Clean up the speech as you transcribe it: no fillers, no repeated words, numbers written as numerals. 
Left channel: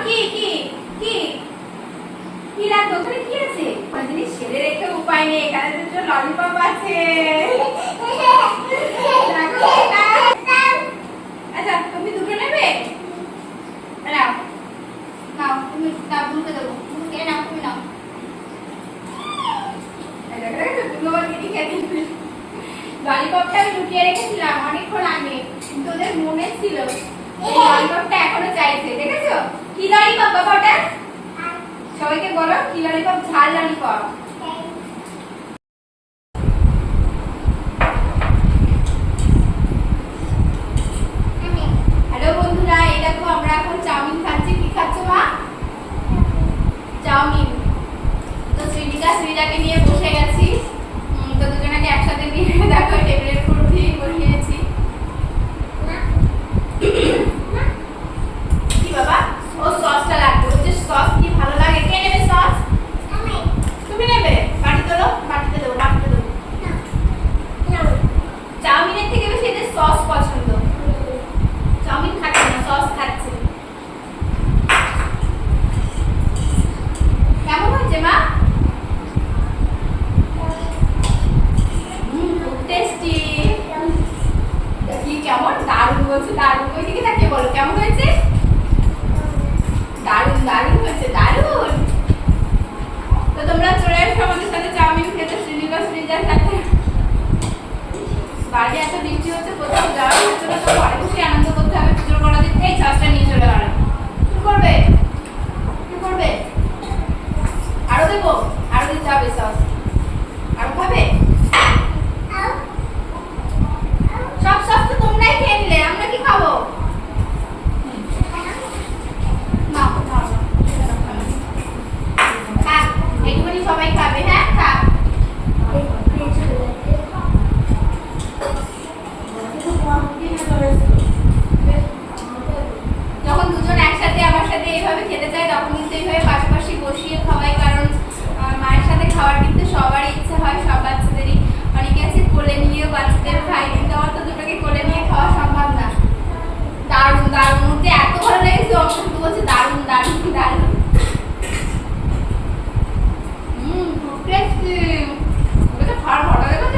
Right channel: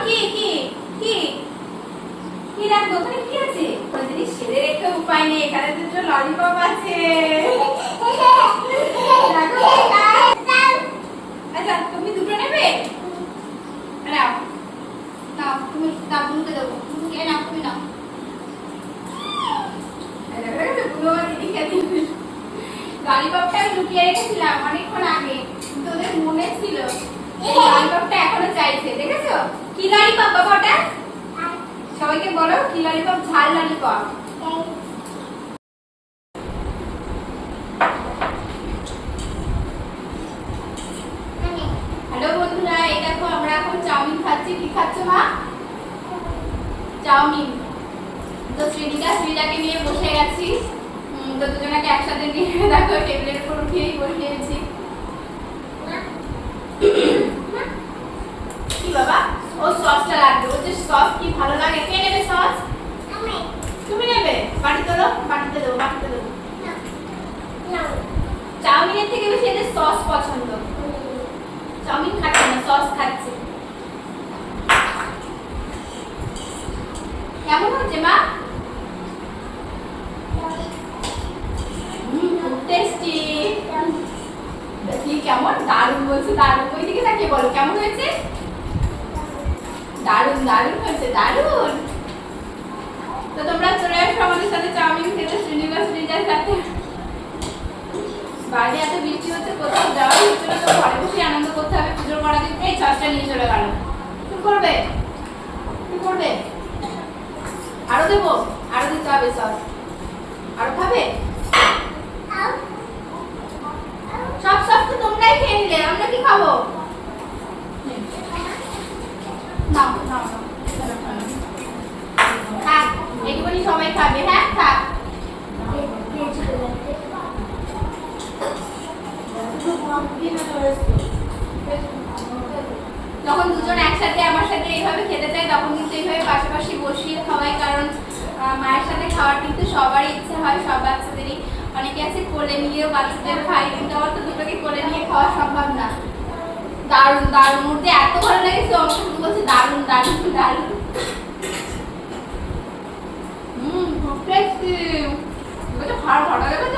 কি কি কি কি রাখবো ওখানে কি আছে কোন জিনিস ছেড়ে রেখে উপায় নেই এখানে দুটো ললিপপ আছে আচ্ছা তুমি দুটো নেবে নাও নাও তুমি নাও বুনুকে দেবো বুনুকে নাও তুমি নাও ললিপপটা আমি লুকিয়ে রেখেছিলাম অনেকক্ষণ আগে কিন্তু ওদের মনে ছিল এই ললিপপটা এখনো চাইছে দেখেছো কি ললিপপ বাবা ওটা সবাইকে বলো কি ললিপপ ঝাল ললিপপ হ্যালো বন্ধুরা এই দেখো আমরা এখন চাউমিন খাচ্ছি কি খাচ্ছ মা চাউমিন তো শ্রীজাকে নিয়ে বসে গেছি তো দুজনাকে একসাথে নিয়ে দেখো টেবিলের উপর উঠিয়ে বসিয়েছি কি বাবা ও সসটা লাগবে ও যে সস কি ভালো লাগে কে নেবে সস তুমি নেবে বাটিতে দেবো বাটিতে দেবো চাউমিনের থেকে বেশি এদের সস পছন্দ চাউমিন খাচ্ছে না সস খাচ্ছে কেমন হচ্ছে মা টেস্টি কি কেমন দারুণ বলছো দারুণ ওই দিকে তাকিয়ে বলো কেমন হয়েছে দারুণ দারুণ হয়েছে দারুণ তো তোমরা চলে আসো আমাদের সাথে চাউমিন খেতে শ্রীজার সাথে বাইরে এত বৃষ্টি হচ্ছে কোথাও যাওয়া হচ্ছে না তো ঘরে বসে আনন্দ করতে হবে পুজোর করা দিন এই সসটা নিয়ে চলে গেল কি করবে আরো দেবো আরো দিতে হবে সস আরো খাবে সব সস তো তোমরাই খেয়ে নিলে আমরা কি খাবো না হ্যাঁ এইটুকুনি সবাই খাবে হ্যাঁ খা যখন দুজন একসাথে আমার সাথে এইভাবে খেতে চাই তখন কিন্তু এইভাবে পাশাপাশি বসিয়ে খাওয়াই কারণ মায়ের সাথে খাওয়ার কিন্তু সবারই ইচ্ছে হয় সব বাচ্চাদেরই অনেকে আছে কোলে নিয়েও বাচ্চাদের খাই কিন্তু আমার তো দুটোকে কোলে নিয়ে খাওয়া সম্ভব না দারুণ দারুণ মুহূর্তে এত ভালো লেগেছে অংশ শুধু বলছে দারুণ দারুণ দারুণ টেস্টি ওটা ভালো ভালো লাগে